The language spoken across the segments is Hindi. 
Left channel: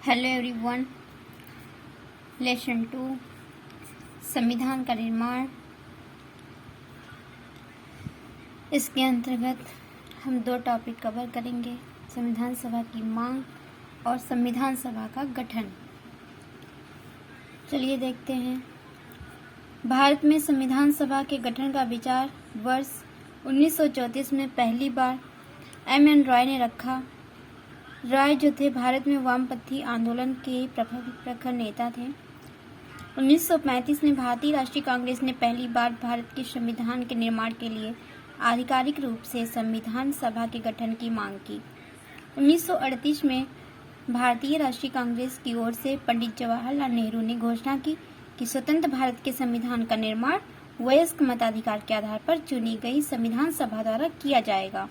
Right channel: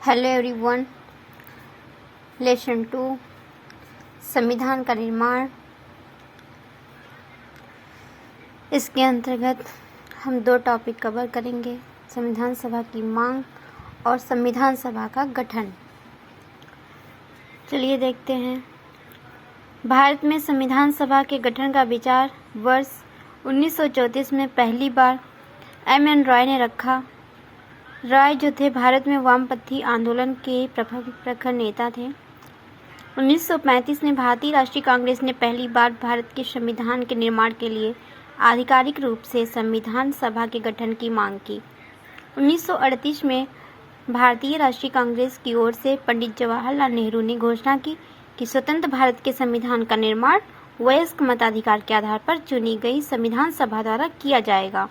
Hello everyone. लेसन 2 संविधान का निर्माण। इसके अंतर्गत हम 2 टॉपिक कवर करेंगे, संविधान सभा की मांग और संविधान सभा का गठन। चलिए देखते हैं। भारत में संविधान सभा के गठन का विचार वर्ष 1934 में पहली बार एम.एन. रॉय ने रखा। रॉय जो थे भारत में वामपंथी आंदोलन के प्रखर नेता थे। 1935 में भारतीय राष्ट्रीय कांग्रेस ने पहली बार भारत के संविधान के निर्माण के लिए आधिकारिक रूप से संविधान सभा के गठन की मांग की। 1938 में भारतीय राष्ट्रीय कांग्रेस की ओर से पंडित जवाहरलाल नेहरू ने घोषणा की कि स्वतंत्र भारत के संविधान का निर्माण वयस्क मताधिकार के आधार पर चुनी गई संविधान सभा द्वारा किया जाएगा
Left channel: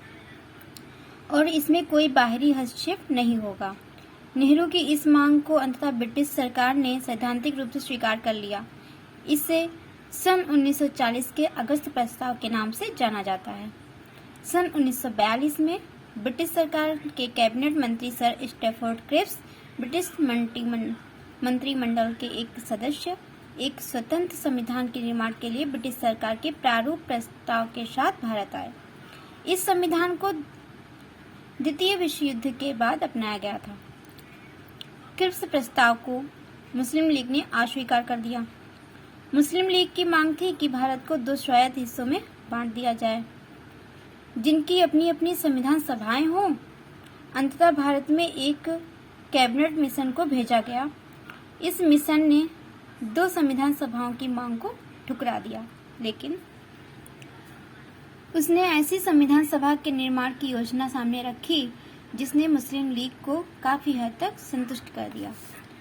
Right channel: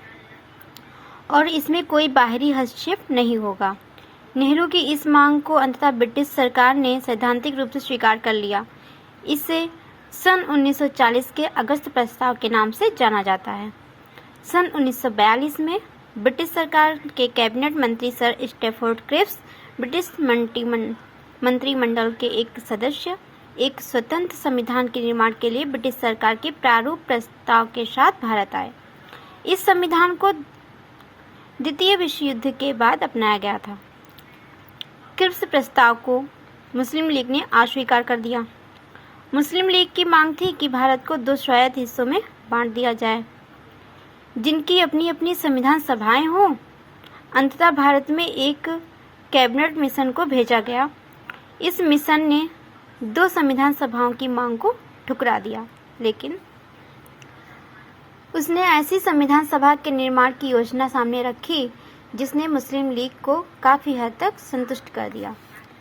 और इसमें कोई बाहरी हस्तक्षेप नहीं होगा। नेहरू की इस मांग को अंततः ब्रिटिश सरकार ने सैद्धांतिक रूप से स्वीकार कर लिया। इसे सन 1940 के अगस्त प्रस्ताव के नाम से जाना जाता है। सन 1942 में ब्रिटिश सरकार के कैबिनेट मंत्री सर स्टैफोर्ड क्रिप्स, ब्रिटिश मंत्रिमंडल के एक सदस्य, एक स्वतंत्र संविधान के निर्माण के लिए ब्रिटिश सरकार के प्रारूप प्रस्ताव के साथ भारत आए। इस संविधान को द्वितीय विश्व युद्ध के बाद अपनाया गया था। क्रिप्स प्रस्ताव को मुस्लिम लीग ने अस्वीकार कर दिया। मुस्लिम लीग की मांग थी कि भारत को 2 स्वायत्त हिस्सों में बांट दिया जाए, जिनकी अपनी अपनी संविधान सभाएं हों। अंततः भारत में एक कैबिनेट मिशन को भेजा गया। इस मिशन ने 2 संविधान सभाओं की मांग को ठुकरा दिया, लेकिन उसने ऐसी संविधान सभा के निर्माण की योजना सामने रखी जिसने मुस्लिम लीग को काफी हद तक संतुष्ट कर दिया।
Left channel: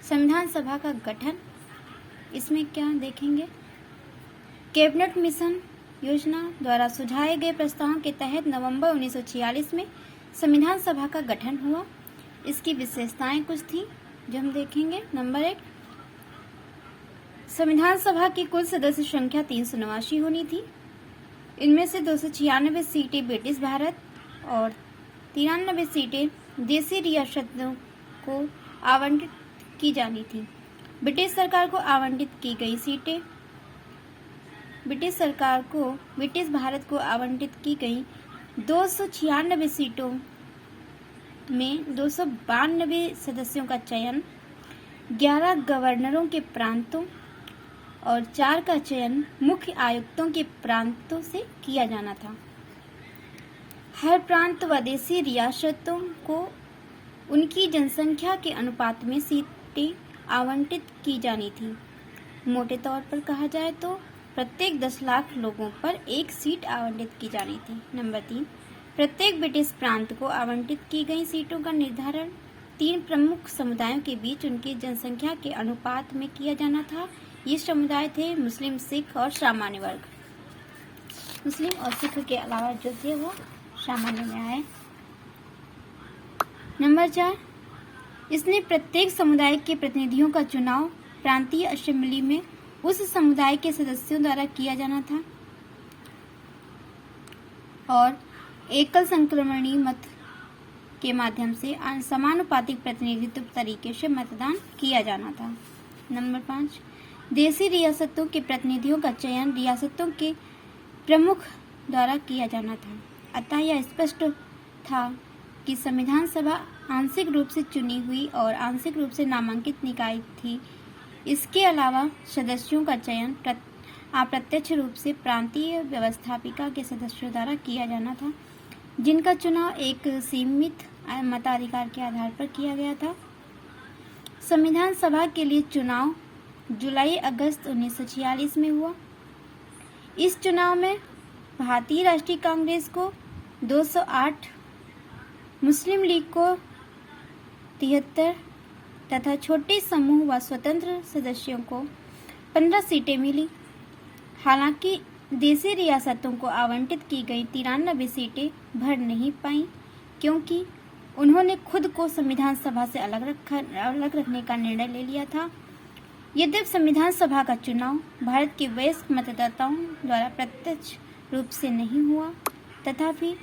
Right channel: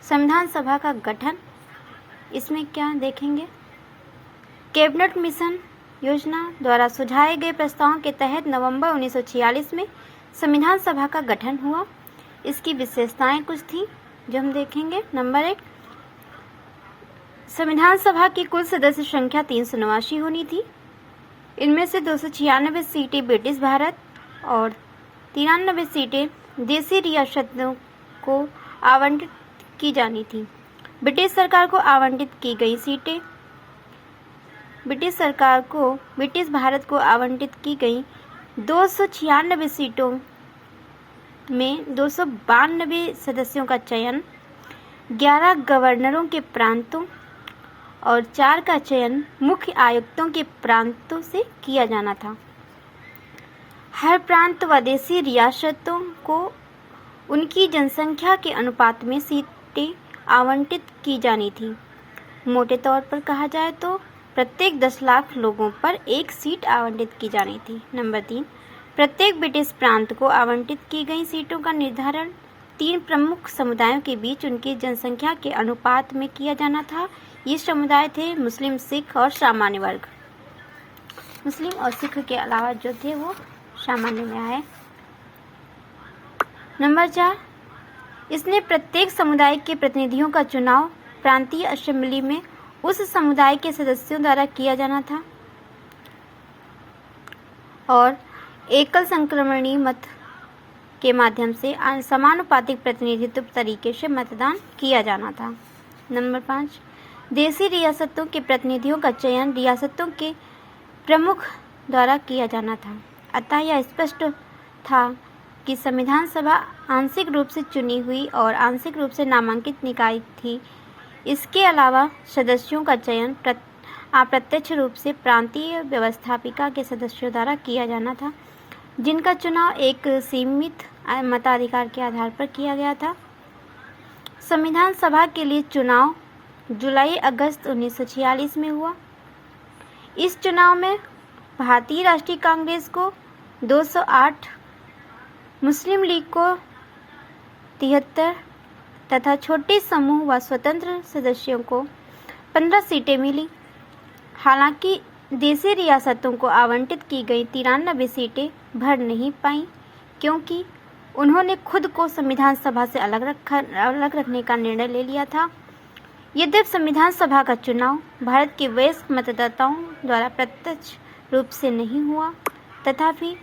संविधान सभा का गठन, इसमें क्या देखेंगे। कैबिनेट मिशन योजना द्वारा सुझाए गए प्रस्तावों के तहत नवंबर 1946 में संविधान सभा का गठन हुआ। इसकी विशेषताएं कुछ थी जो हम देखेंगे। नंबर 1, संविधान सभा की कुल सदस्य संख्या 389 होनी थी। इनमें से 296 सीटें ब्रिटिश भारत और 93 सीटें देशी रियासतों को आवंटित की जानी थी। ब्रिटिश सरकार को आवंटित की गई सीटें ब्रिटिश भारत को आवंटित की गई 296 सीटों में 292 सदस्यों का चयन, 11 गवर्नरों के प्रांतों और 4 का चयन मुख्य आयुक्तों के प्रांतों से किया जाना था। हर प्रांत व देशी रियासतों को उनकी जनसंख्या के अनुपात में सीटें आवंटित की जानी थी। मोटे तौर पर कहा जाए तो प्रत्येक 10 लाख लोगों पर 1 सीट आवंटित की जानी थी। नंबर 3, प्रत्येक ब्रिटिश प्रांत को आवंटित की गई सीटों का निर्धारण 3 प्रमुख समुदायों के बीच उनकी जनसंख्या के अनुपात में किया जाना था। ये समुदाय थे मुस्लिम, सिख और सामान्य वर्ग। मुस्लिम और सिख के अलावा जो थे वो सामान्य में आए। नंबर 4, इसने प्रत्येक समुदाय के प्रतिनिधियों का चुनाव प्रांतीय असेंबली में उस समुदाय के सदस्यों द्वारा किया जाना था और एकल संक्रमणीय मत के माध्यम से समानुपातिक प्रतिनिधित्व तरीके से मतदान किया जाना था। नंबर 5, देशी रियासतों के प्रतिनिधियों का चयन रियासतों के प्रमुख द्वारा किया जाना था। अतः यह स्पष्ट था कि संविधान सभा आंशिक रूप से चुनी हुई और आंशिक रूप से नामांकित निकाय थी। इसके अलावा सदस्यों का चयन अप्रत्यक्ष रूप से प्रांतीय व्यवस्थापिका के सदस्यों द्वारा किया जाना था, जिनका चुनाव एक सीमित मताधिकार के आधार पर किया गया था। संविधान सभा के लिए चुनाव जुलाई-अगस्त 1946 में हुआ। इस चुनाव में भारतीय राष्ट्रीय कांग्रेस को 208, मुस्लिम लीग को 73 तथा छोटे समूह व स्वतंत्र सदस्यों को 15 सीटें मिली। हालांकि देशी रियासतों को आवंटित की गई 93 सीटें भर नहीं पाईं, क्योंकि उन्होंने खुद को संविधान सभा से अलग रखने का निर्णय ले लिया था। यद्यपि संविधान सभा का चुनाव भारत के वयस्क मतदाताओं द्वारा प्रत्यक्ष रूप से नहीं हुआ, तथापि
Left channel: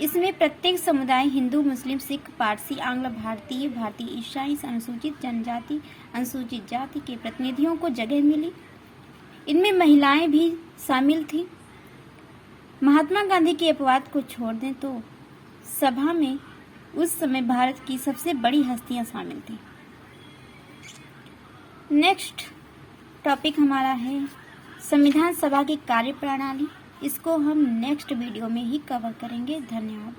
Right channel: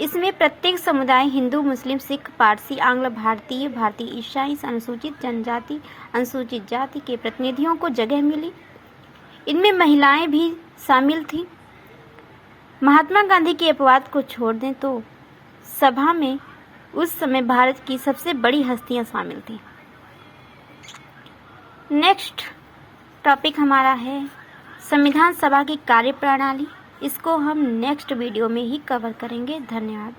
इसमें प्रत्येक समुदाय हिंदू, मुस्लिम, सिख, पारसी, आंग्ल, भारतीय, भारतीय ईसाई, अनुसूचित जनजाति, अनुसूचित जाति के प्रतिनिधियों को जगह मिली। इनमें महिलाएं भी शामिल थीं। महात्मा गांधी के अपवाद को छोड़ दें तो सभा में उस समय भारत की सबसे बड़ी हस्तियां शामिल थीं। नेक्स्ट टॉपिक हमारा है संविधान सभा की कार्यप्रणाली। इसको हम नेक्स्ट वीडियो में ही कवर करेंगे। धन्यवाद।